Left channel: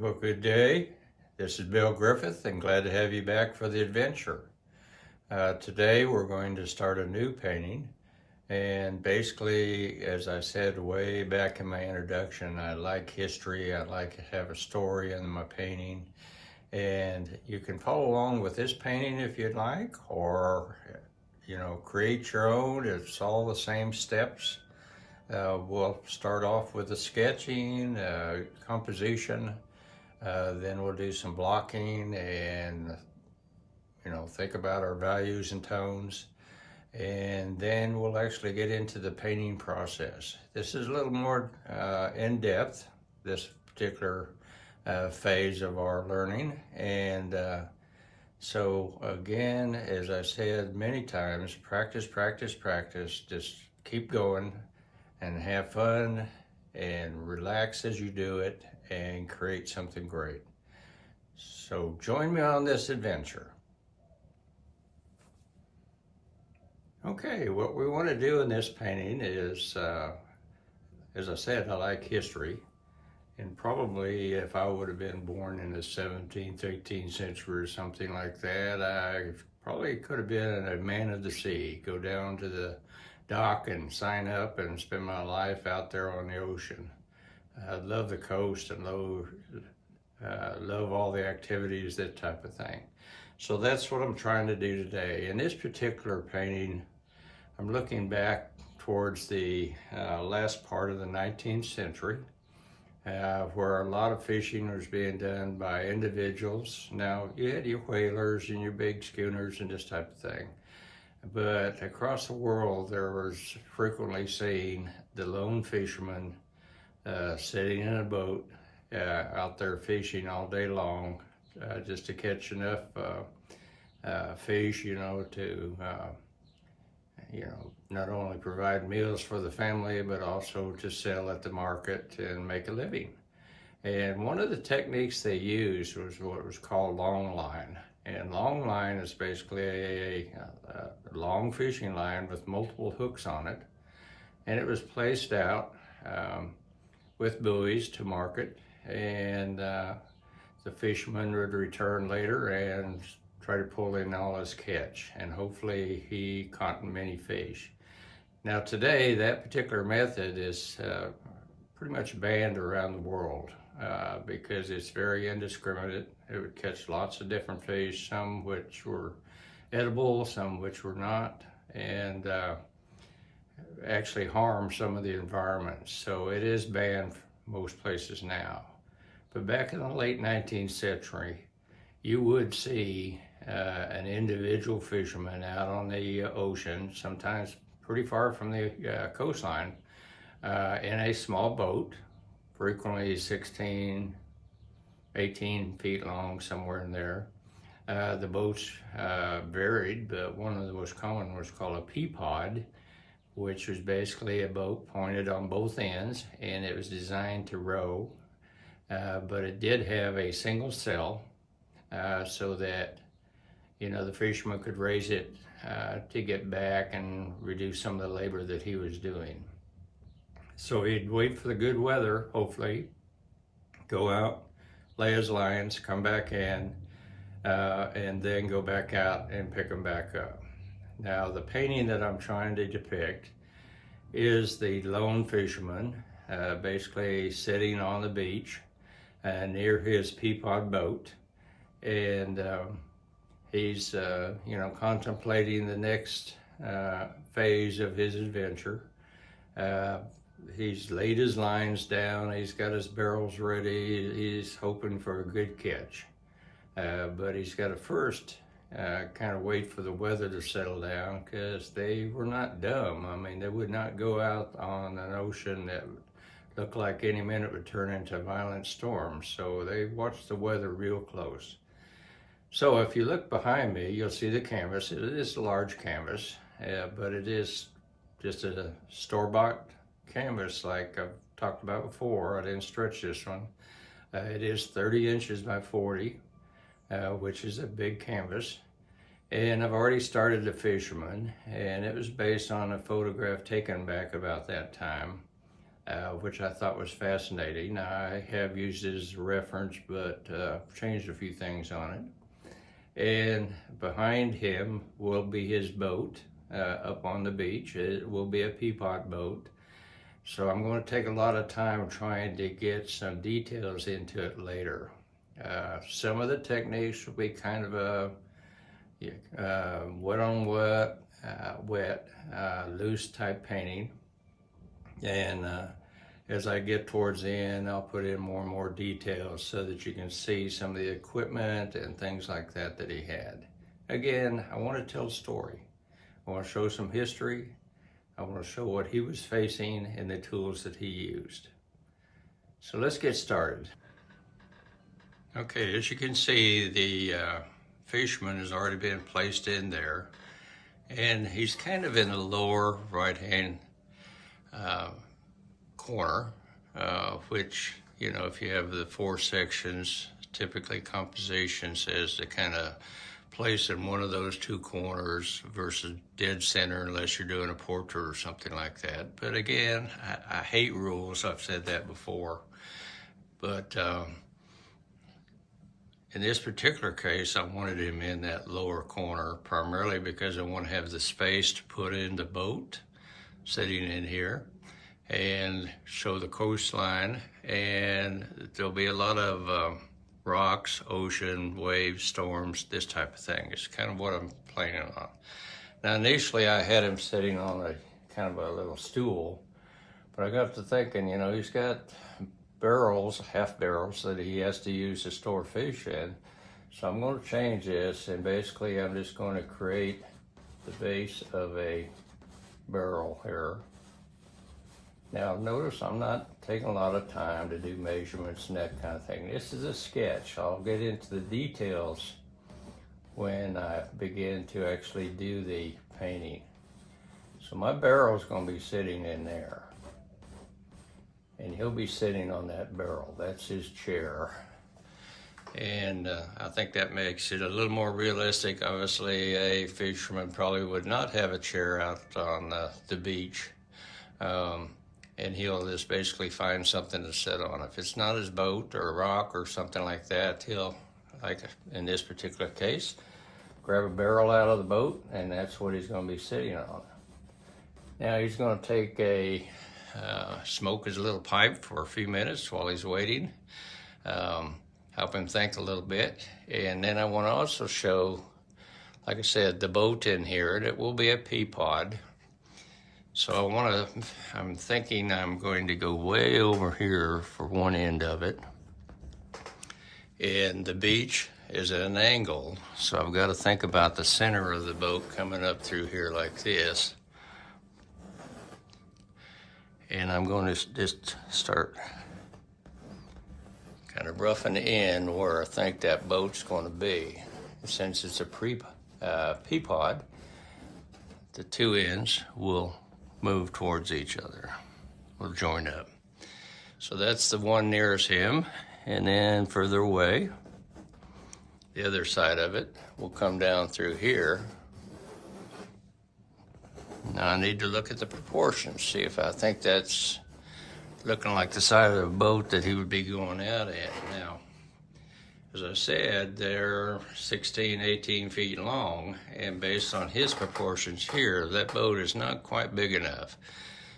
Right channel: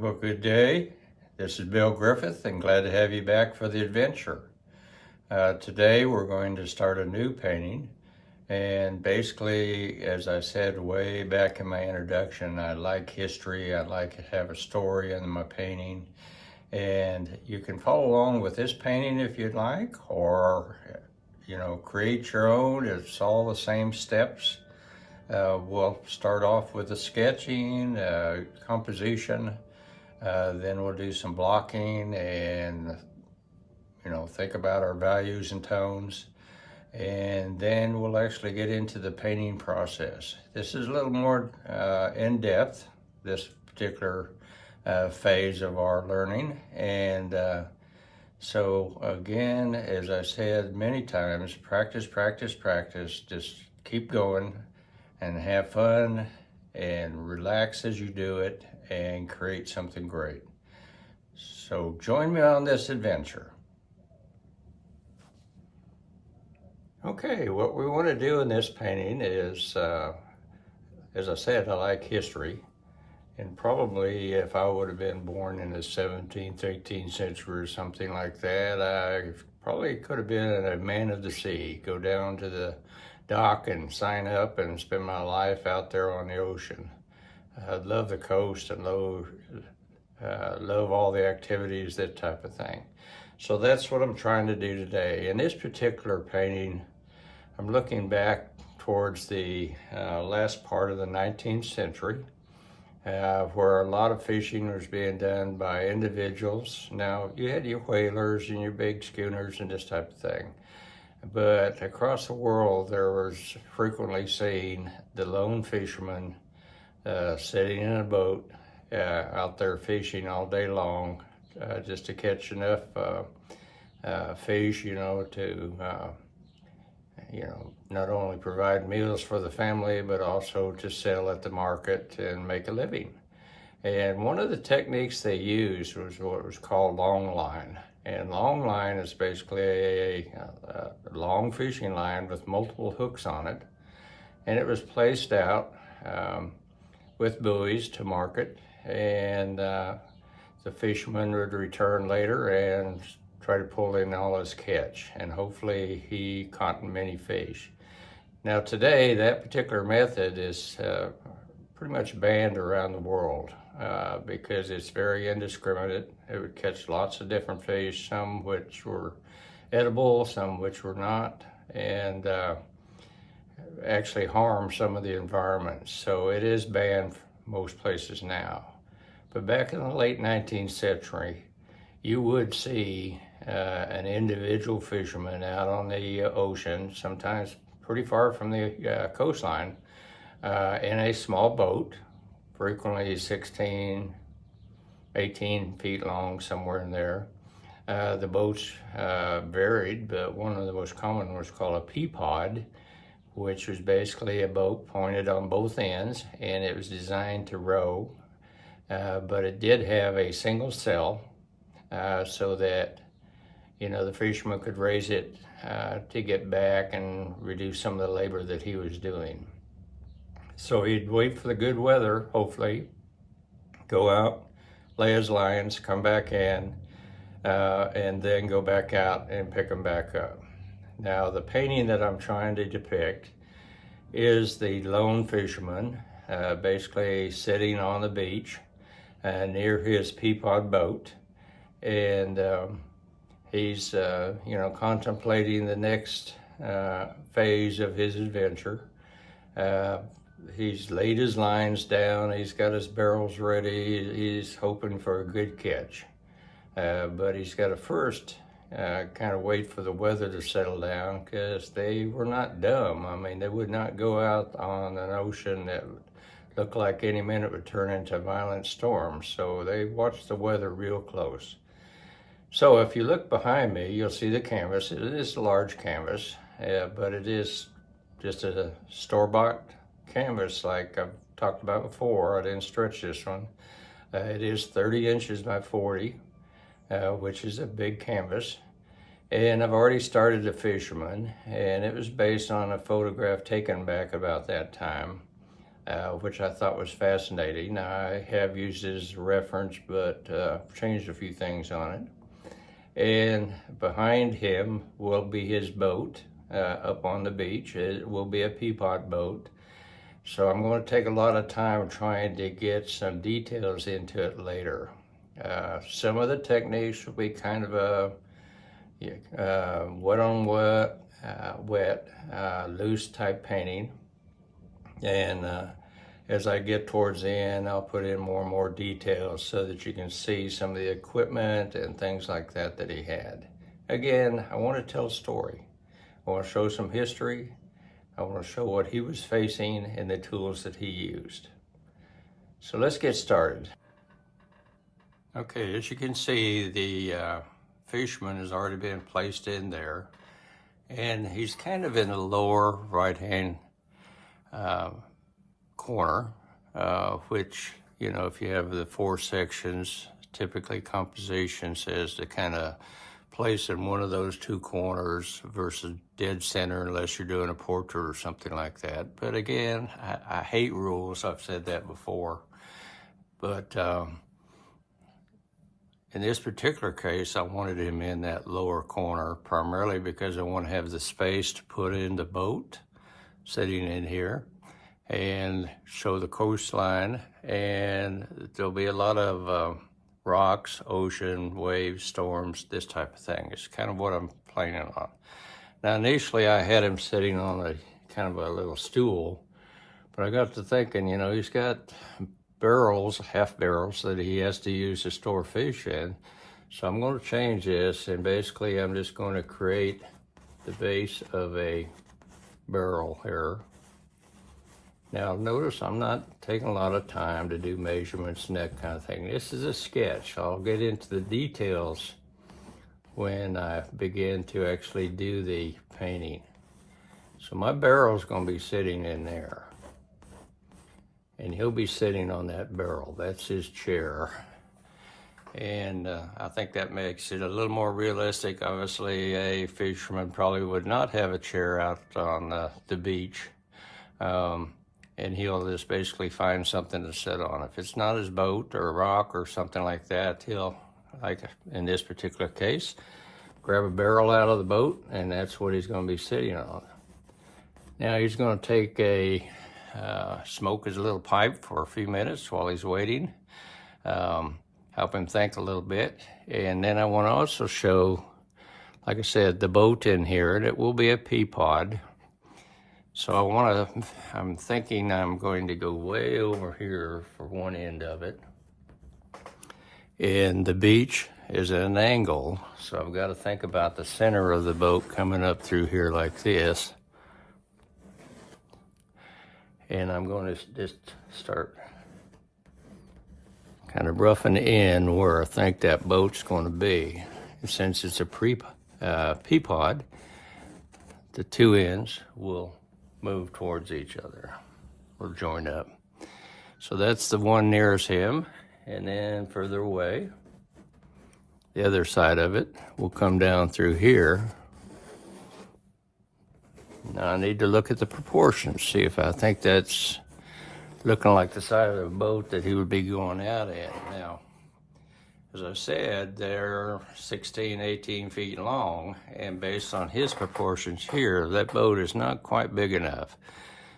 Well, good day. This is Bill Griffith and glad to have you back for the adventure. Today we're going to start a new painting, and basically, as I said way back in my introduction, I like history. I like to have a story in my painting, and you can follow along with this painting if you'd like, or create your own. It's all the same steps. We'll start off with the sketching, composition. Then we'll do some blocking and, think about our values and tones. And then we'll actually get into the painting process. This is a little more in depth, this particular phase of our learning. And so again, as I said many times, practice, practice, practice. Just keep going and have fun and relax as you do it and create something great. So join me on this adventure. Okay, what we want to do in this painting is, as I said, I like history. And probably if I would have been born in the 17th, 18th century or something like that, I probably could have been a man of the sea, go down to the dock and sign up and spend my life out there on the ocean. I love the coast and love all the activities, that type of thing. So that's what I'm trying to do today. In this particular painting, I'm looking back towards the last part of the 19th century, where a lot of fishing was being done by individuals. Now, you had your whalers and your big schooners and this type of thing. But across the world, there was frequently seen the lone fisherman sitting in a boat out there fishing all day long, just to catch enough fish, to not only provide meals for the family, but also to sell at the market and make a living. And one of the techniques they used was what was called long line. And long line is basically a long fishing line with multiple hooks on it. And it was placed out with buoys to market. And the fisherman would return later and try to pull in all his catch. And hopefully he caught many fish. Now today, that particular method is pretty much banned around the world. Because it's very indiscriminate. It would catch lots of different fish, some which were edible, some which were not, and actually harm some of the environment. So it is banned most places now. But back in the late 19th century, you would see an individual fisherman out on the ocean, sometimes pretty far from the coastline, in a small boat, frequently 16, 18 feet long, somewhere in there. The boats varied, but one of the most common was called a peapod, which was basically a boat pointed on both ends, and it was designed to row, but it did have a single sail, so that, the fisherman could raise it to get back and reduce some of the labor that he was doing. So he'd wait for the good weather, hopefully, go out, lay his lines, come back in, and then go back out and pick them back up. Now, the painting that I'm trying to depict is the lone fisherman, basically sitting on the beach near his peapod boat. And he's, contemplating the next phase of his adventure. He's laid his lines down, he's got his barrels ready, he's hoping for a good catch. But he's got to first kind of wait for the weather to settle down, because they were not dumb. I mean, they would not go out on an ocean that looked like any minute would turn into a violent storm. So they watched the weather real close. So if you look behind me, you'll see the canvas. It is a large canvas, but it is just a store-bought canvas like I've talked about before. I didn't stretch this one. It is 30 inches by 40, which is a big canvas. And I've already started The Fisherman, and it was based on a photograph taken back about that time. which I thought was fascinating. I have used it as a reference, but changed a few things on it. And behind him will be his boat up on the beach. It will be a Peapod boat. So I'm going to take a lot of time trying to get some details into it later. Some of the techniques will be kind of a wet on wet, loose type painting. And as I get towards the end, I'll put in more and more details so that you can see some of the equipment and things like that that he had. Again, I want to tell a story. I want to show some history. I want to show what he was facing and the tools that he used. So let's get started. Okay, as you can see, the fisherman has already been placed in there, and he's kind of in the lower right-hand corner, which, you know, if you have the 4 sections, typically composition says to kind of place in one of those 2 corners versus dead center unless you're doing a portrait or something like that. But again, I hate rules. I've said that before. But in this particular case, I wanted him in that lower corner primarily because I want to have the space to put in the boat sitting in here and show the coastline, and there'll be a lot of rocks, ocean, waves, storms, this type of thing. It's kind of what I'm planning on. Now, initially I had him sitting on a kind of a little stool, but I got to thinking, you know, he's got barrels, half barrels that he has to use to store fish in. So I'm going to change this, and basically I'm just going to create the base of a barrel here. Now notice I'm not taking a lot of time to do measurements and that kind of thing. This is a sketch. I'll get into the details when I begin to actually do the painting. So my barrel is going to be sitting in there, and he'll be sitting on that barrel. That's his chair. And I think that makes it a little more realistic. Obviously, a fisherman probably would not have a chair out on the beach. And he'll just basically find something to sit on. If it's not his boat or a rock or something like that, he'll, like in this particular case, grab a barrel out of the boat, and that's what he's going to be sitting on. Now he's going to take a smoke his little pipe for a few minutes while he's waiting, help him think a little bit. And then I want to also show, like I said, the boat in here, and it will be a Peapod. So I'm thinking I'm going to go way over here for one end of it. And the beach is at an angle, so I've got to think about the center of the boat coming up through here like this. And I'm going to just start kind of roughing in where I think that boat's going to be. And since it's a Peapod, the 2 ends will move towards each other, will join up. So that's the one nearest him, and then further away, the other side of it will come down through here. Now I need to look at the proportions, see if I think that's looking like the side of the boat that he would be going out at. Now, as I said, they're 16, 18 feet long, and based on his proportions here, that boat is not quite big enough.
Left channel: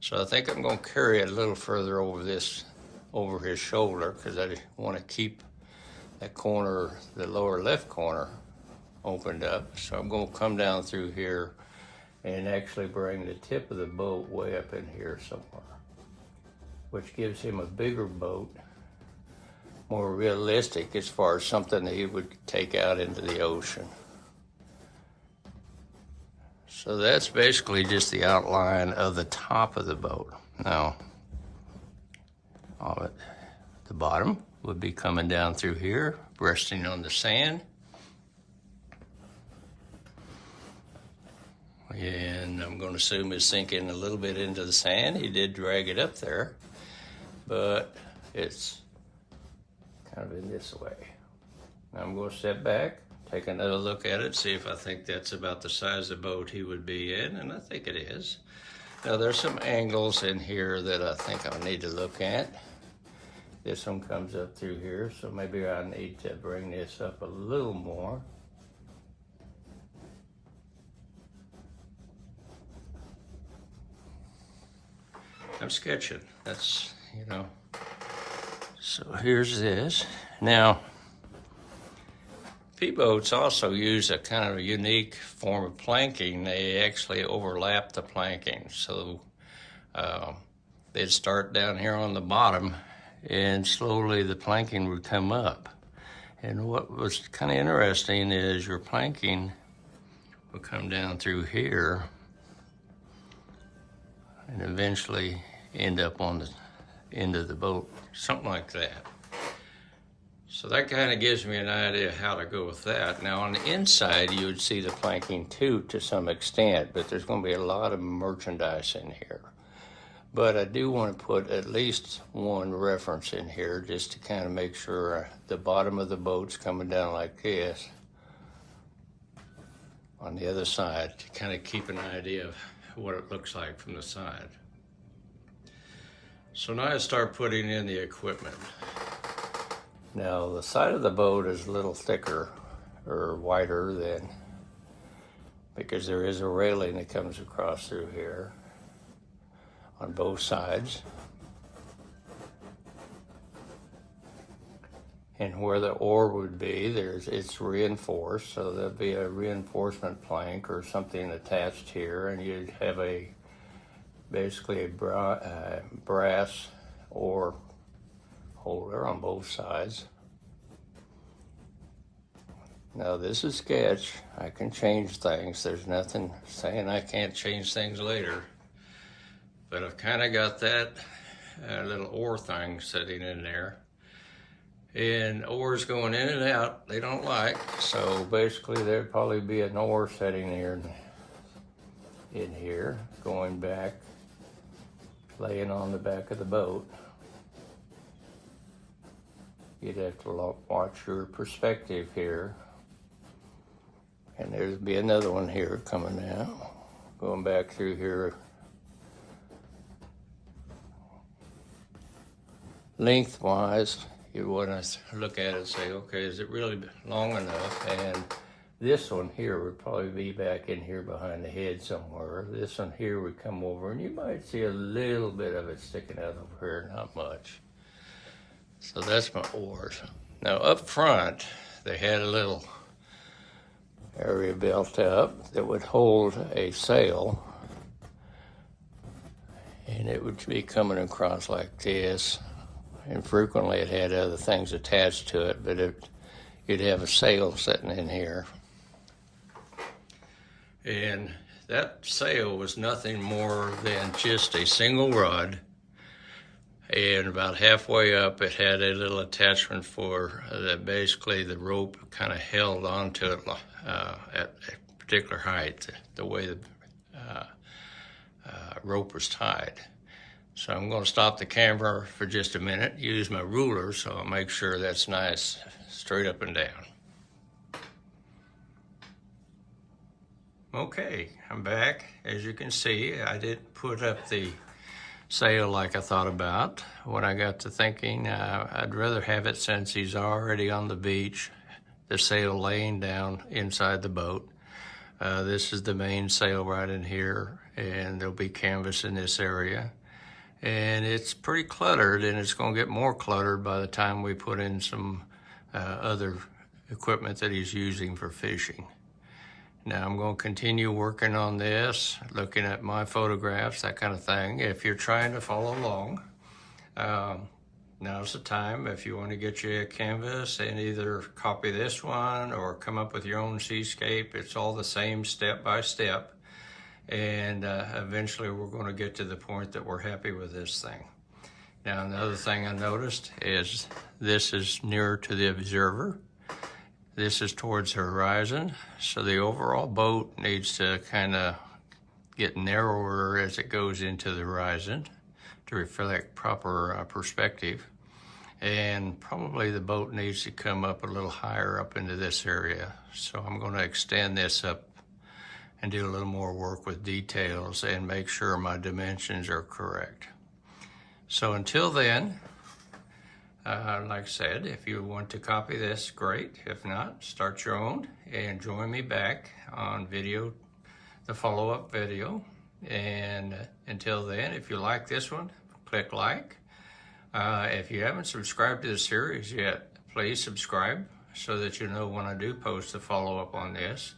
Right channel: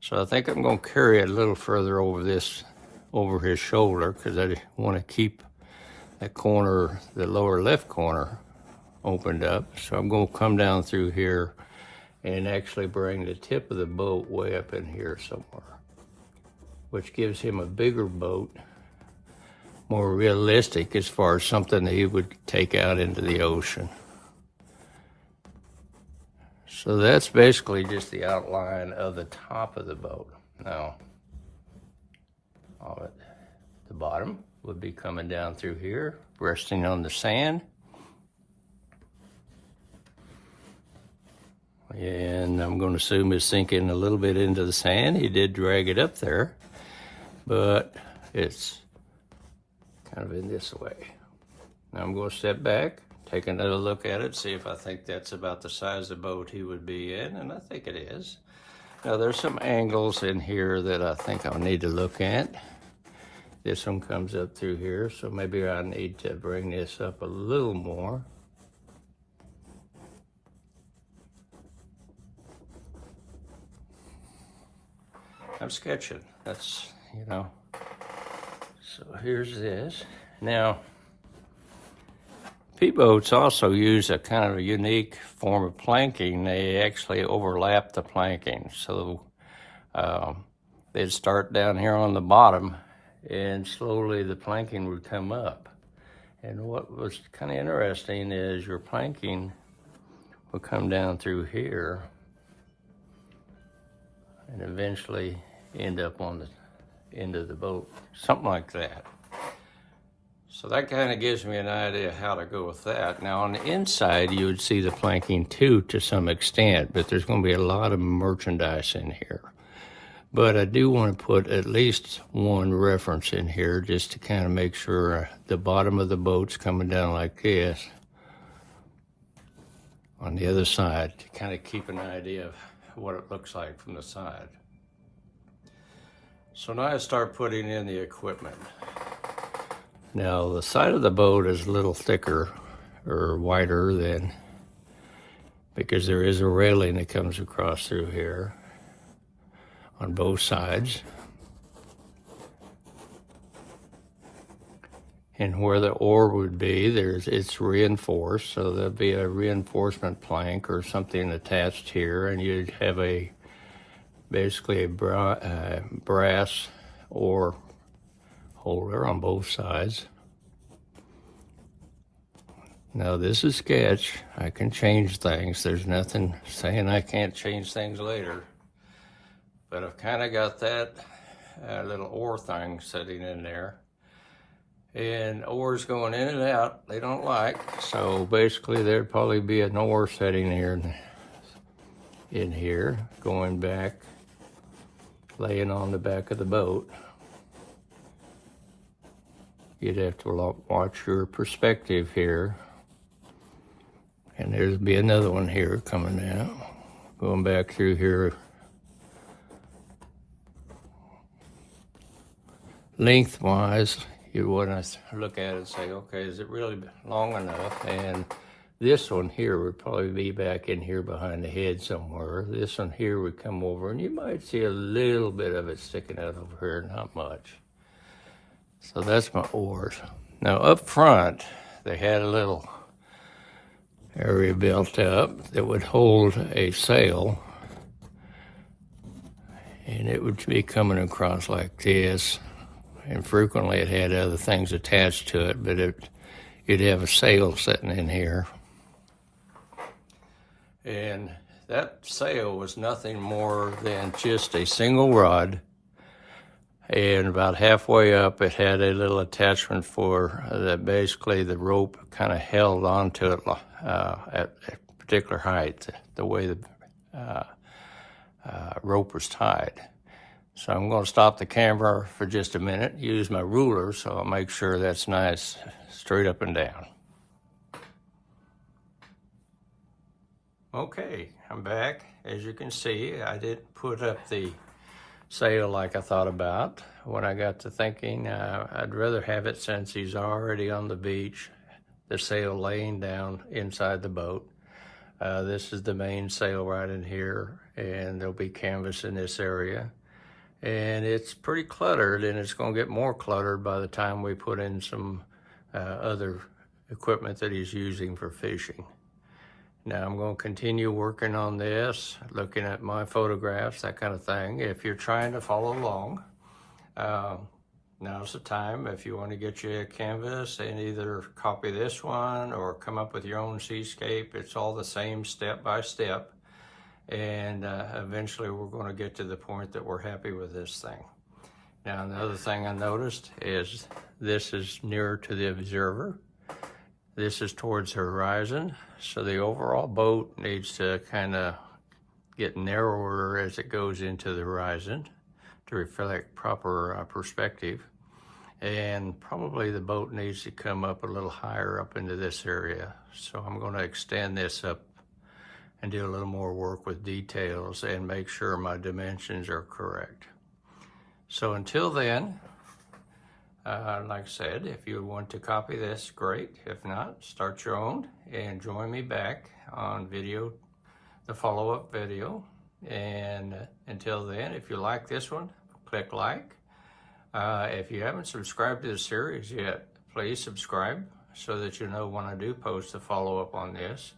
So I think I'm going to carry it a little further over his shoulder, because I want to keep the corner, the lower left corner, opened up. So I'm going to come down through here and actually bring the tip of the boat way up in here somewhere, which gives him a bigger boat, more realistic as far as something that he would take out into the ocean. So that's basically just the outline of the top of the boat. Now, the bottom would be coming down through here, resting on the sand. And I'm going to assume it's sinking a little bit into the sand. He did drag it up there, but it's kind of in this way. Now I'm going to step back, take another look at it, see if I think that's about the size of boat he would be in, and I think it is. Now there's some angles in here that I think I need to look at. This one comes up through here, so maybe I need to bring this up a little more. I'm sketching, that's, you know. So here's this. Now, P-boats also use a kind of a unique form of planking. They actually overlap the planking. So they'd start down here on the bottom and slowly the planking would come up. And what was kind of interesting is your planking would come down through here and eventually end up on the end of the boat, something like that. So that kind of gives me an idea how to go with that. Now on the inside, you would see the planking too to some extent, but there's going to be a lot of merchandise in here. But I do want to put at least one reference in here just to kind of make sure the bottom of the boat's coming down like this on the other side to kind of keep an idea of what it looks like from the side. So now I start putting in the equipment. Now the side of the boat is a little thicker or wider than, because there is a railing that comes across through here on both sides. And where the oar would be, it's reinforced, so there'll be a reinforcement plank or something attached here, and you'd have basically a brass oar holder on both sides. Now this is sketch. I can change things. There's nothing saying I can't change things later. But I've kind of got that little oar thing sitting in there. And oars going in and out, they don't like. So basically there'd probably be an oar sitting here in here, going back, laying on the back of the boat. You'd have to watch your perspective here. And there's be another one here coming out, going back through here. Lengthwise, you want to look at it and say, okay, is it really long enough? And this one here would probably be back in here behind the head somewhere. This one here would come over, and you might see a little bit of it sticking out over here, not much. So that's my oars. Now up front, they had a little area built up that would hold a sail, and it would be coming across like this. And frequently it had other things attached to it, but you'd have a sail sitting in here. And that sail was nothing more than just a single rod, and about halfway up it had a little attachment for that basically the rope kind of held onto it at a particular height, the way the rope was tied. So I'm going to stop the camera for just a minute, use my ruler so I'll make sure that's nice, straight up and down. Okay, I'm back. As you can see, I didn't put up the sail like I thought about. When I got to thinking, I'd rather have it, since he's already on the beach, the sail laying down inside the boat. This is the main sail right in here, and there'll be canvas in this area. And it's pretty cluttered, and it's going to get more cluttered by the time we put in some other equipment that he's using for fishing. Now I'm going to continue working on this, looking at my photographs, that kind of thing. If you're trying to follow along, now's the time. If you want to get you a canvas and either copy this one or come up with your own seascape, it's all the same step by step. And eventually we're going to get to the point that we're happy with this thing. Now another thing I noticed is this is nearer to the observer. This is towards the horizon, so the overall boat needs to kind of get narrower as it goes into the horizon to reflect proper perspective. And probably the boat needs to come up a little higher up into this area. So I'm going to extend this up and do a little more work with details and make sure my dimensions are correct. So until then, like I said, if you want to copy this, great. If not, start your own and join me back on video, the follow-up video. And until then, if you like this one, click like. If you haven't subscribed to the series yet, please subscribe so that you know when I do post a follow-up on this.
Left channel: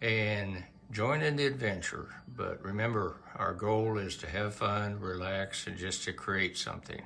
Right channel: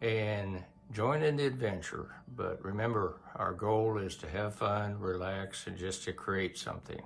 And join in the adventure. But remember, our goal is to have fun, relax, and just to create something.